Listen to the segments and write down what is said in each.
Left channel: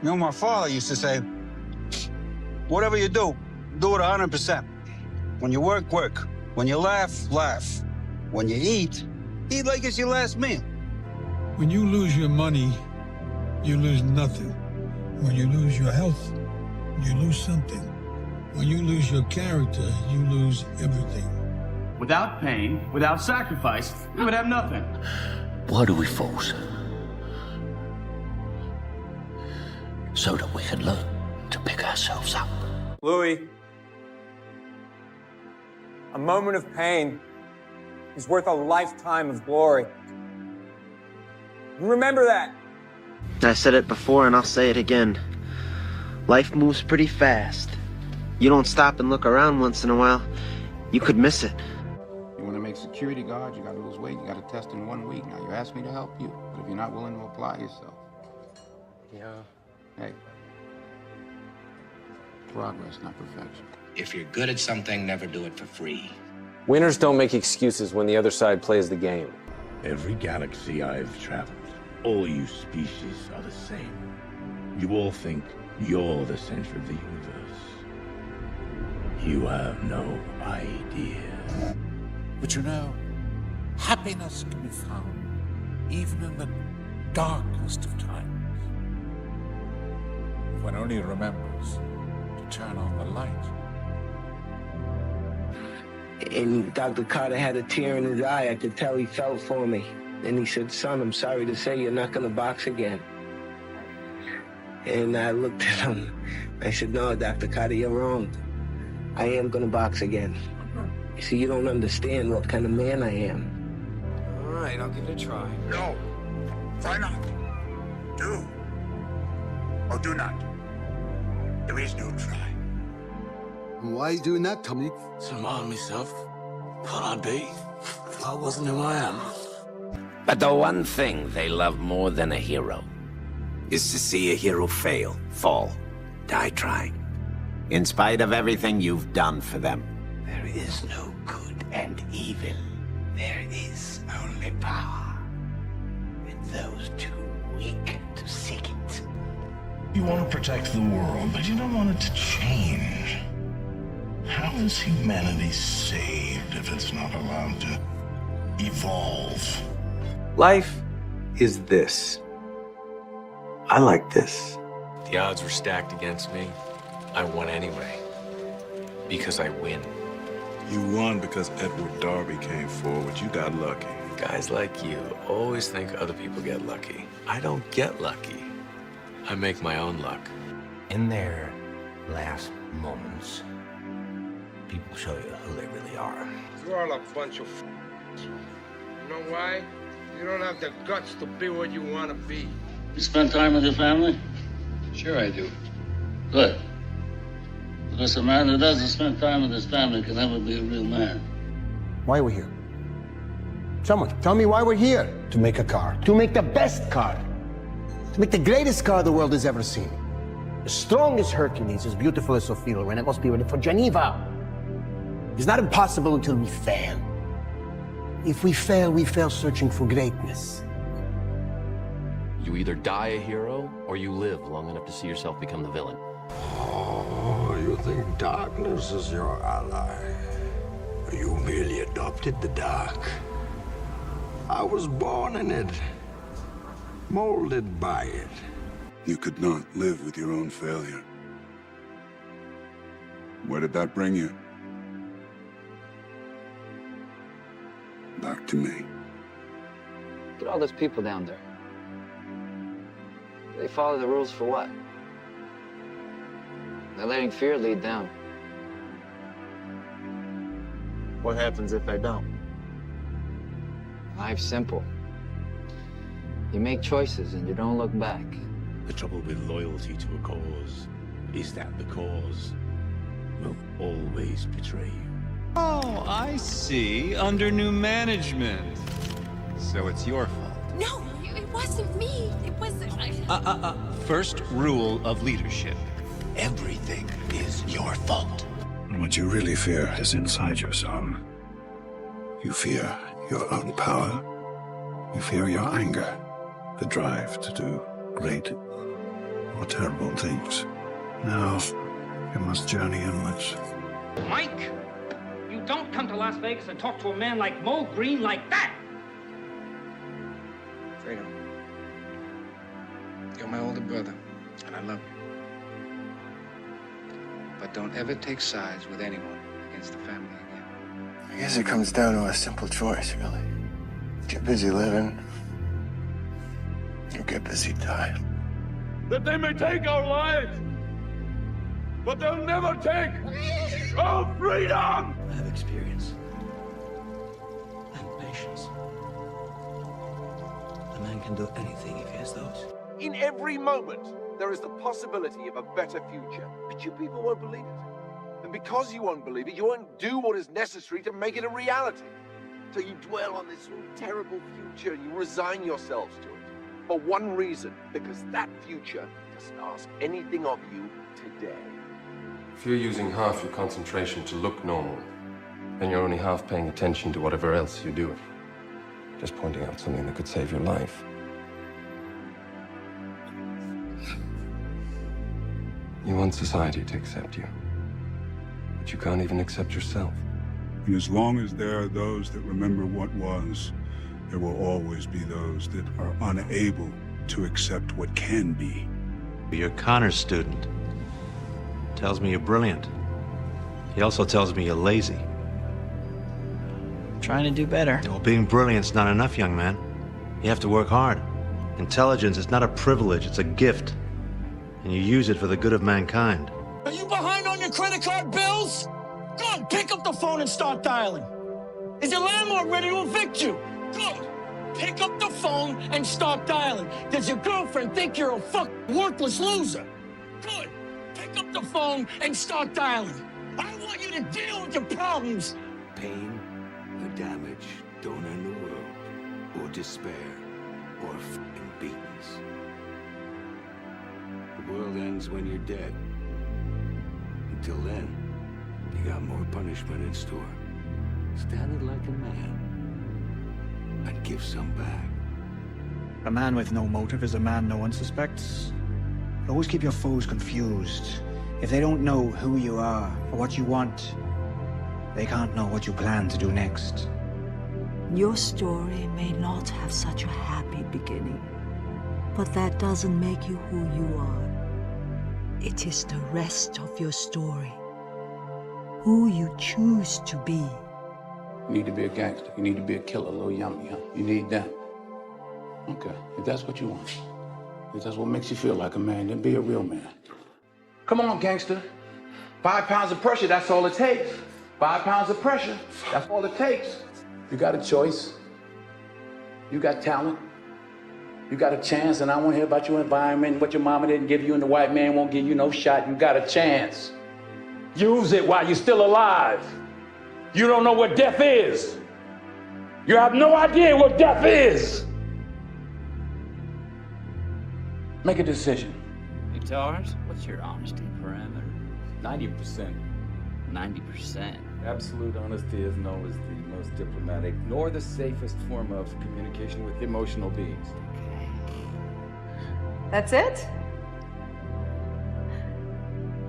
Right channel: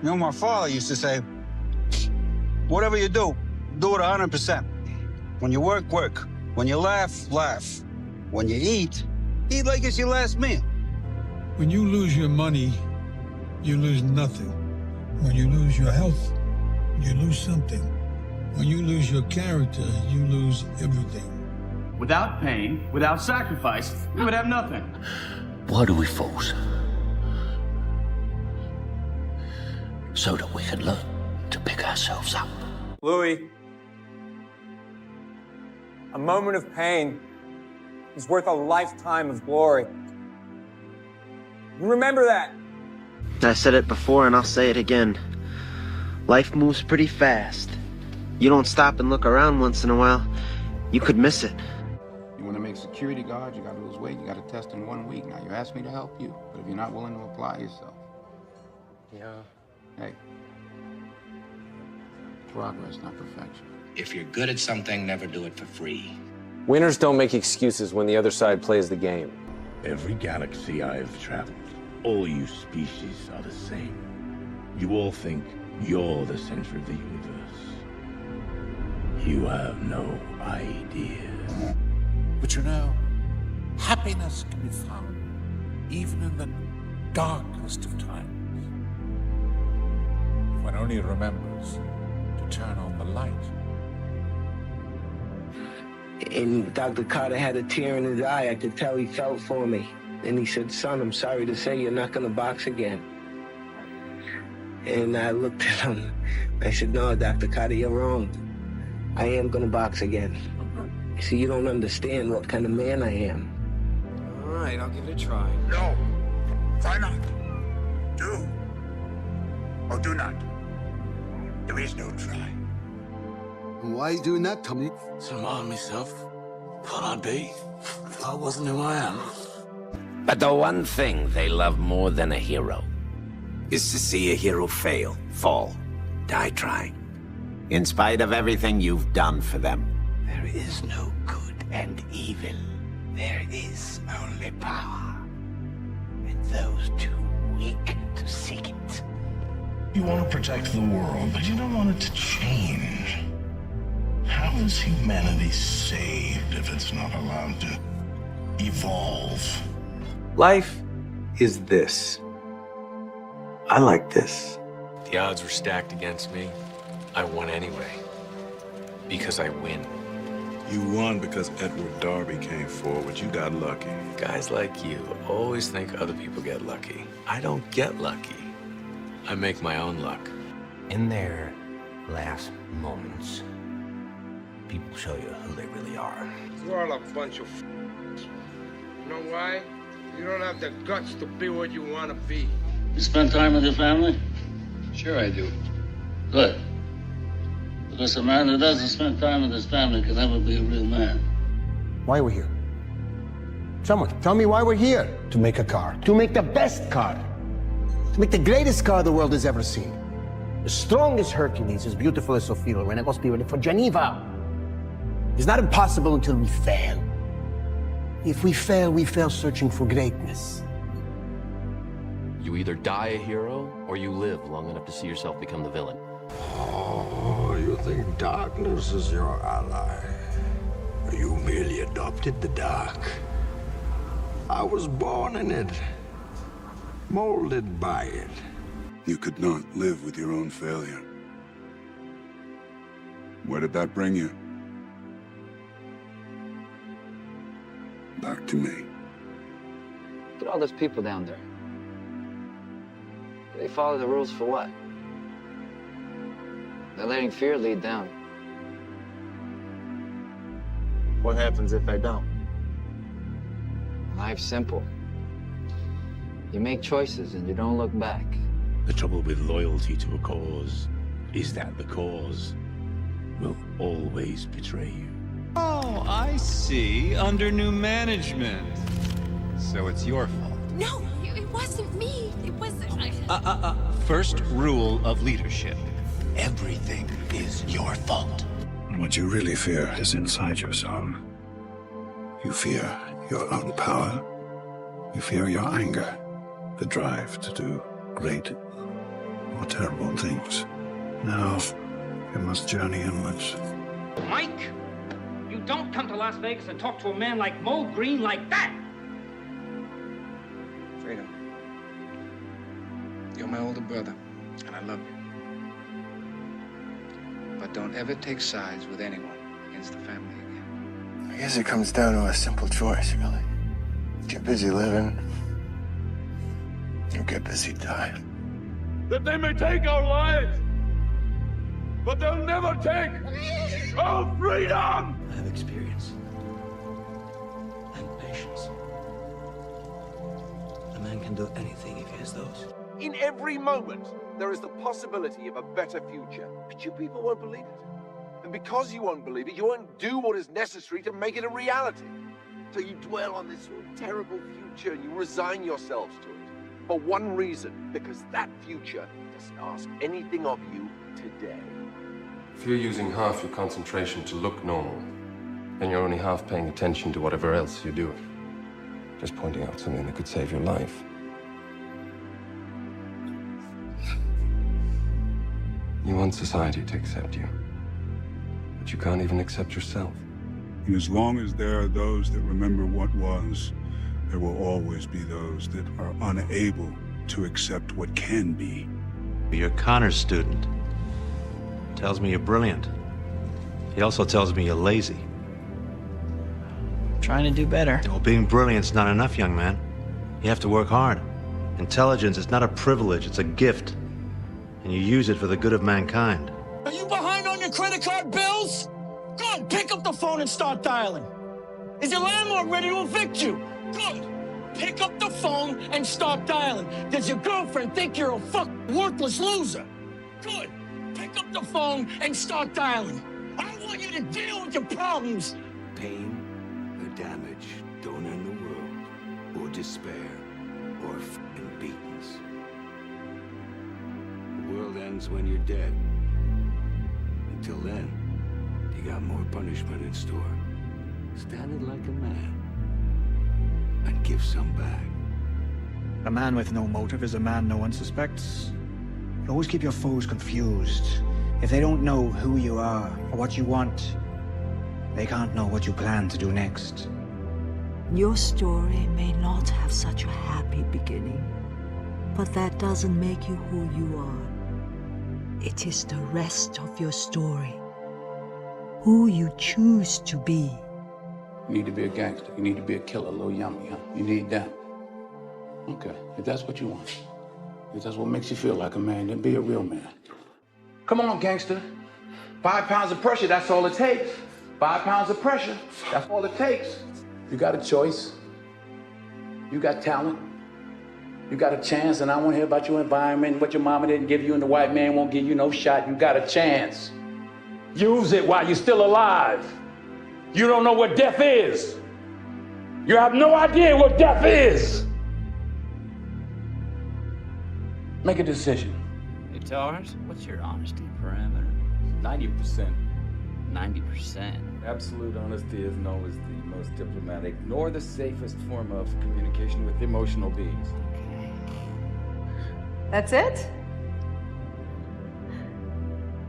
You know, my father used to say, whatever you do it 100%. When you work, work. When you laugh, laugh. When you eat like it's your last meal. When you lose your money, you lose nothing. When you lose your health, you lose something. When you lose your character, you lose everything. Without pain, without sacrifice, we would have nothing. Blood are we fools? So that we can learn to pick ourselves up. Louis, a moment of pain is worth a lifetime of glory. Remember that. I said it before and I'll say it again. Life moves pretty fast. You don't stop and look around once in a while, you could miss it. You want to make security guard, you got to lose weight, you got to test in 1 week. Now, you asked me to help you, but if you're not willing to apply yourself, hey, progress, not perfection. If you're good at something, never do it for free. Winners don't make excuses when the other side plays the game. Every galaxy I've traveled, all you species are the same. You all think you're the center of the universe. You have no idea. But you know, happiness can be found even in the darkest of times. If one only remembers to turn on the light. And Dr. Carter had a tear in his eye. I could tell he felt for me. And he said, son, I'm sorry to say you're not gonna box again. And I looked at him. I said, no, Dr. Carter, you're wrong. I am gonna box again. See, you don't understand what kind of man I am. All right, I'll give it a try. No. Try not. Do. Or do not. There is no try. Why do not come in? Somehow myself. Could I be? If I wasn't who I am. But the one thing they love more than a hero is to see a hero fail, fall, die trying. In spite of everything you've done for them. There is no good and evil. There is only power. And those too weak to seek it. You want to protect the world, but you don't want it to change. How is humanity saved if it's not allowed to evolve? Life is this. I like this. The odds were stacked against me. I won anyway. Because I win. You won because Edward Darby came forward. You got lucky. Guys like you always think other people get lucky. I don't get lucky. I make my own luck. In their last moments, people show you who they really are. All a bunch of You know why? You don't have the guts to be what you want to be. You spend time with your family? Sure I do. Good. Because a man who doesn't spend time with his family can never be a real man. Why are we here? Someone, tell me why we're here. To make a car. To make the best car. To make the greatest car the world has ever seen. As strong as Hercules, as beautiful as Sophia, and it must be ready for Geneva. It's not impossible until we fail. If we fail searching for greatness. You either die a hero, or you live long enough to see yourself become the villain. Oh, you think darkness is your ally? You merely adopted the dark. I was born in it, molded by it. You could not live with your own failure. Where did that bring you? Back to me. Look at all those people down there. They follow the rules for what? They're letting fear lead them. What happens if they don't? Life's simple. You make choices and you don't look back. The trouble with loyalty to a cause is that the cause will always betray you. Oh, I see. Under new management. So it's your fault. No, it wasn't me. It wasn't. First rule of leadership. Everything is your fault. What you really fear is inside yourself. You fear your own power. You fear your anger, the drive to do great or terrible You must join the Inlets. Mike, you don't come to Las Vegas and talk to a man like Mo Green like that. Freedom. You're my older brother, and I love you. But don't ever take sides with anyone against the family again. I guess it comes down to a simple choice, really. Get busy living. You get busy dying. That they may take our lives, but they'll never take our freedom! I have experience and patience. A man can do anything if he has those. In every moment, there is the possibility of a better future, but you people won't believe it. And because you won't believe it, you won't do what is necessary to make it a reality. So you dwell on this terrible future, you resign yourselves to it. For one reason, because that future doesn't ask anything of you today. If you're using half your concentration to look normal, then you're only half paying attention to whatever else you do. Just pointing out something that could save your life. You want society to accept you, but you can't even accept yourself. And as long as there are those that remember what was, there will always be those that are unable to accept what can be. You're Connor's student. Tells me you're brilliant. He also tells me you're lazy. Trying to do better. Well, being brilliant's not enough, young man. You have to work hard. Intelligence is not a privilege, it's a gift. And you use it for the good of mankind. Are you behind on your credit card bills? Good, pick up the phone and start dialing. Is your landlord ready to evict you? Good, pick up the phone and start dialing. Does your girlfriend think you're a fucking worthless loser? Good, pick up the phone and start dialing. I don't want you to deal with your problems. Pain or damage don't end the world, or despair, or f***ing beatings. The world ends when you're dead. Until then, you got more punishment in store. Stand it like a man, and give some back. A man with no motive is a man no one suspects. You always keep your foes confused. If they don't know who you are or what you want, they can't know what you plan to do next. Your story may not have such a happy beginning, but that doesn't make you who you are. It is the rest of your story. Who you choose to be. You need to be a gangster. You need to be a killer. No yummy, huh? You need them. Okay, if that's what you want. If that's what makes you feel like a man, then be a real man. Come on, gangster. 5 pounds of pressure, that's all it takes. 5 pounds of pressure, that's all it takes. You got a choice. You got talent. You got a chance, and I won't hear about your environment, what your mama didn't give you, and the white man won't give you no shot. You got a chance. Use it while you're still alive. You don't know what death is. You have no idea what death is. Make a decision. It's ours? What's your honesty, friend? 90%. 90%. Absolute honesty isn't always the most diplomatic nor the safest form of communication with emotional beings. That's it?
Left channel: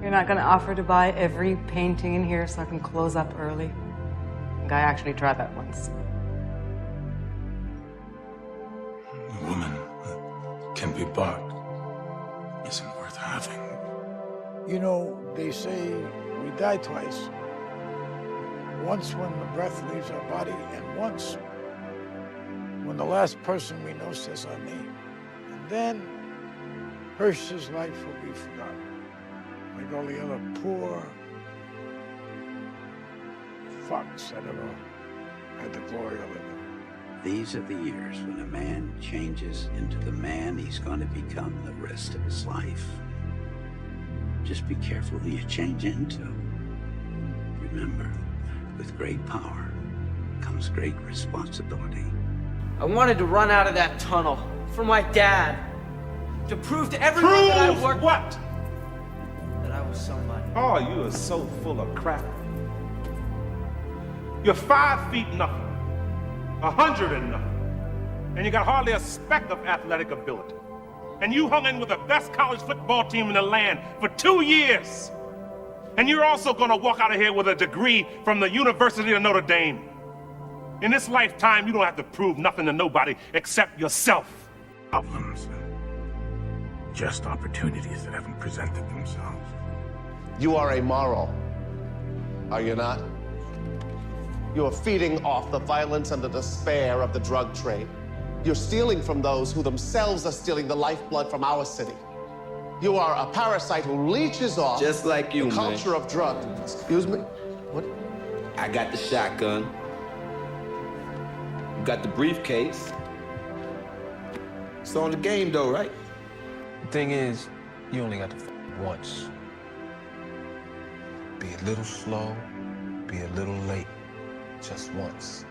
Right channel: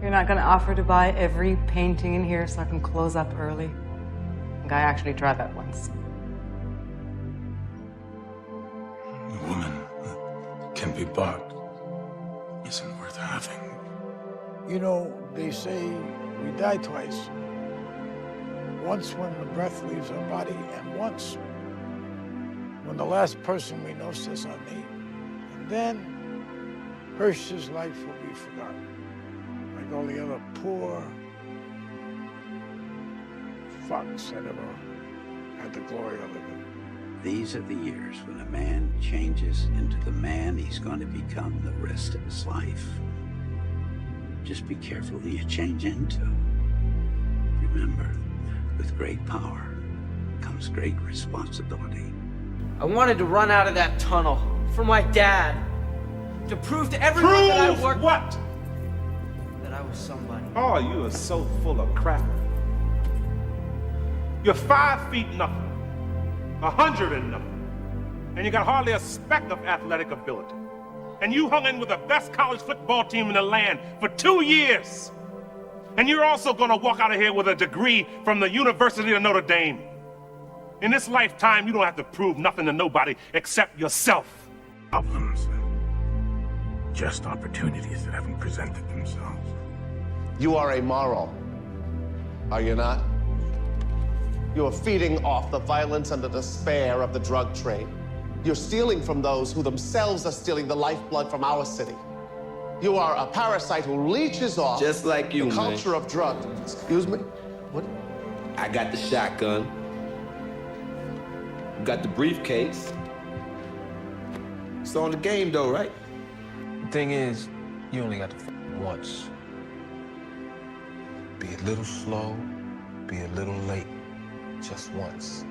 You're not gonna offer to buy every painting in here so I can close up early? I actually tried that once. A woman can be bought. Isn't worth having. You know, they say we die twice. Once when the breath leaves our body, and once when the last person we know says our name. And then Hirsch's life will be forgotten. Like all the other poor fucks, I don't know, had the glory of it. These are the years when a man changes into the man he's going to become the rest of his life. Just be careful who you change into. Remember, with great power comes great responsibility. I wanted to run out of that tunnel for my dad. To prove to everyone that I worked. What? That I was somebody. Oh, you are so full of crap. You're 5 feet nothing. 100 and nothing. And you got hardly a speck of athletic ability. And you hung in with the best college football team in the land for 2 years. And you're also gonna walk out of here with a degree from the University of Notre Dame. In this lifetime, you don't have to prove nothing to nobody except yourself. Just opportunities that haven't presented themselves. You are amoral, are you not? You are feeding off the violence and the despair of the drug trade. You're stealing from those who themselves are stealing the lifeblood from our city. You are a parasite who leeches off Just like you, the man. culture of drugs. Excuse me? What? I got the shotgun. You got the briefcase. It's on the game, though, right? The thing is, you only have to f once. Be a little slow, be a little late. Just once.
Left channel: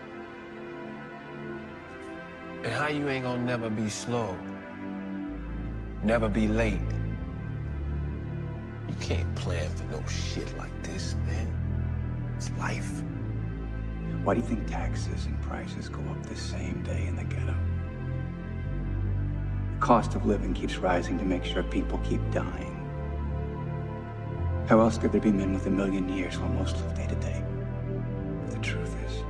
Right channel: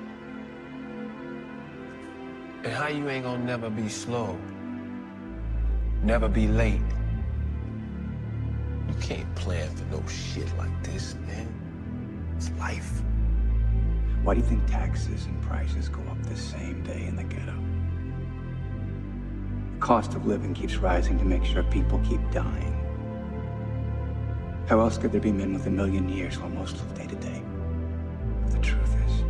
And how you ain't gonna never be slow? Never be late? You can't plan for no shit like this, man. It's life. Why do you think taxes and prices go up the same day in the ghetto? The cost of living keeps rising to make sure people keep dying. How else could there be men with 1,000,000 years who most live day to day? The truth is,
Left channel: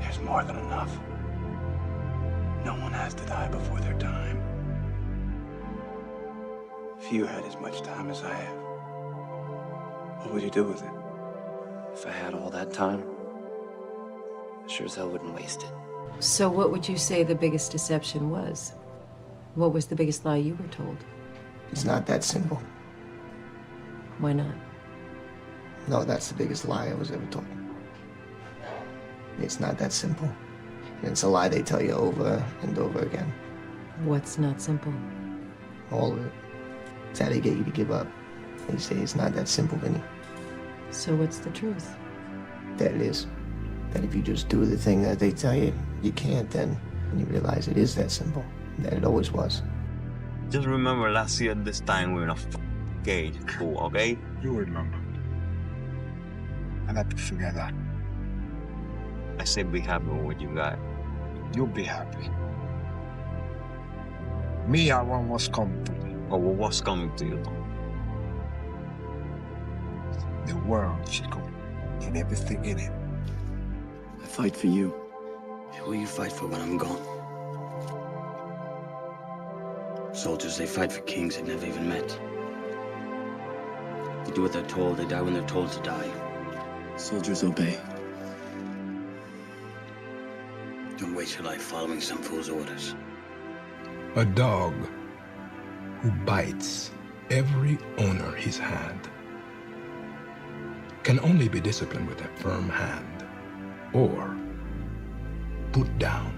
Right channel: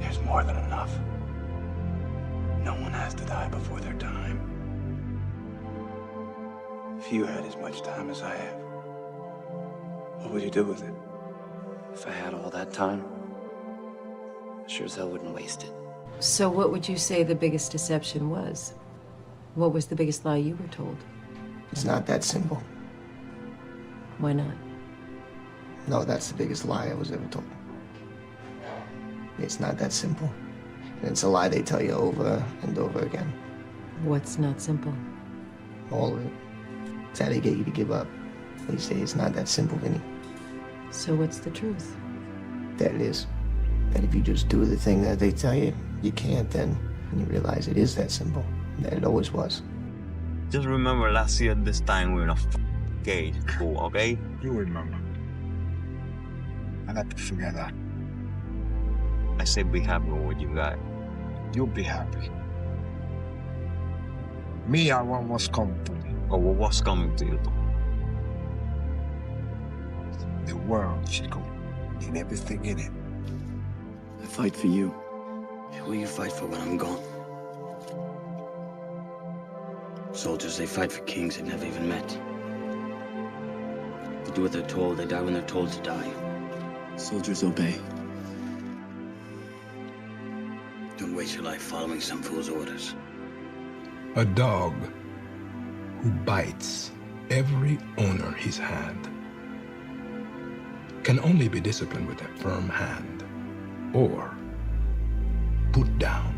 there's more than enough. No one has to die before their time. If you had as much time as I have, what would you do with it? If I had all that time, I sure as hell wouldn't waste it. So what would you say the biggest deception was? What was the biggest lie you were told? It's not that simple. Why not? No, that's the biggest lie I was ever told. It's not that simple. It's a lie they tell you over and over again. What's not simple? All of it. It's how they get you to give up. They say it's not that simple, Vinny. So what's the truth? That is. That if you just do the thing that they tell you, you can't then. And you realize it is that simple. That it always was. Just remember last year this time we're in a cage, cool, okay? You remember. I got to forget that. I said be happy with what you got. You'll be happy. Me, I want what's coming to me. Oh, well, what's coming to you? The world should go need everything in it. I fight for you. Who will you fight for when I'm gone? Soldiers, they fight for kings they never even met. They do what they're told, they die when they're told to die. Soldiers obey. Don't waste your life following some fool's orders. A dog who bites every owner he's had can only be disciplined with a firm hand or put down.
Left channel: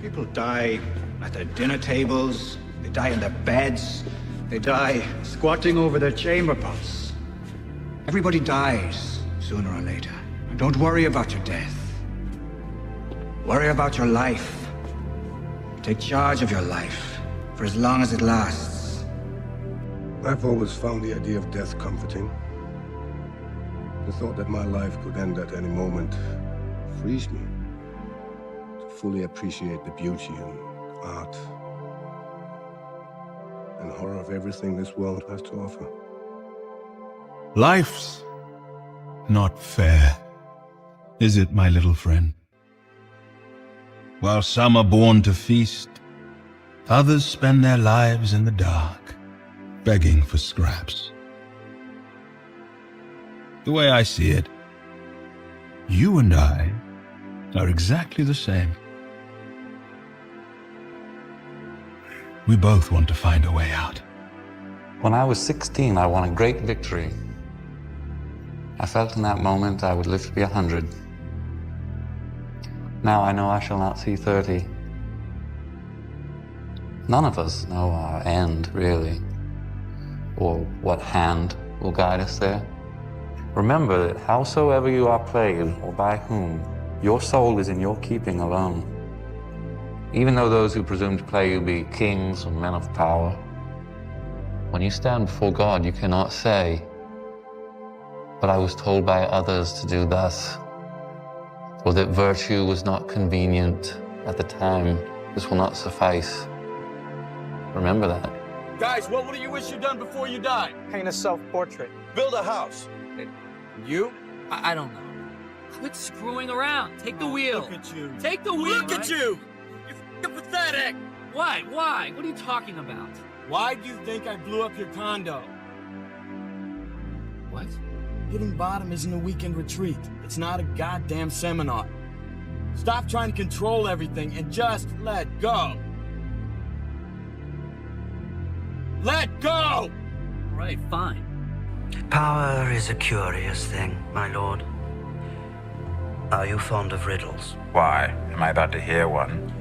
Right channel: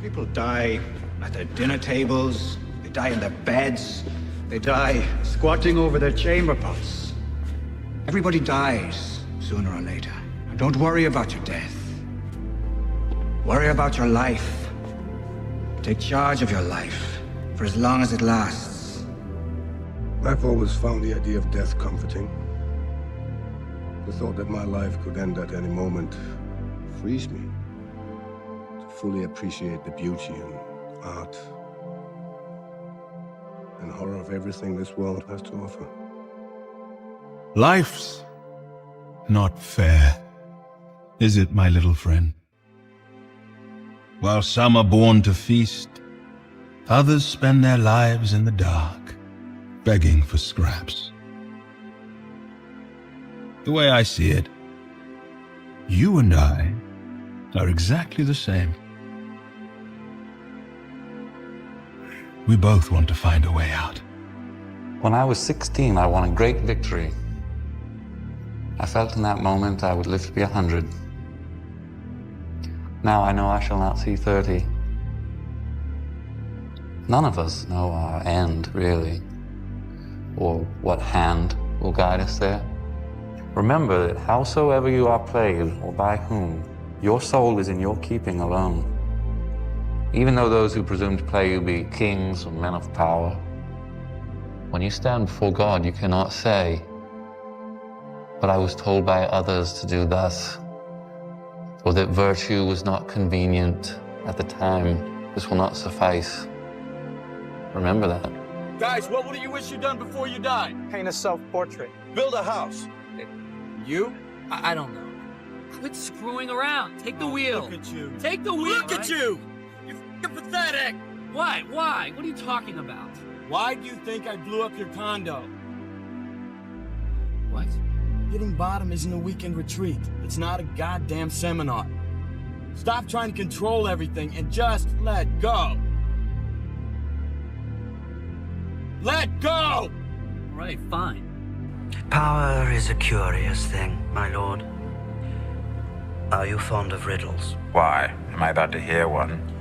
People die at their dinner tables, they die in their beds, they die squatting over their chamber pots. Everybody dies sooner or later. And don't worry about your death. Worry about your life. Take charge of your life for as long as it lasts. I've always found the idea of death comforting. The thought that my life could end at any moment frees me to fully appreciate the beauty and art and horror of everything this world has to offer. Life's not fair, is it, my little friend? While some are born to feast, others spend their lives in the dark, begging for scraps. The way I see it, you and I are exactly the same. We both want to find a way out. When I was 16, I won a great victory. I felt in that moment I would live to be 100. Now I know I shall not see 30. None of us know our end, really, or what hand will guide us there. Remember that howsoever you are played, or by whom, your soul is in your keeping alone. Even though those who presume to play you be kings or men of power, when you stand before God, you cannot say, "But I was told by others to do thus," or that virtue was not convenient at the time. This will not suffice. Remember that. Guys, what do you wish you'd done before you died? Paint a self-portrait. Build a house. You? I don't know. Quit screwing around. Take the wheel. Look at you. Take the wheel. Look at you! You're pathetic! Why? Why? What are you talking about? Why do you think I blew up your condo? What? Hitting bottom isn't a weekend retreat. It's not a goddamn seminar. Stop trying to control everything and just let go. Let go! All right, fine. Power is a curious thing, my lord. Are you fond of riddles? Why? Am I about to hear one?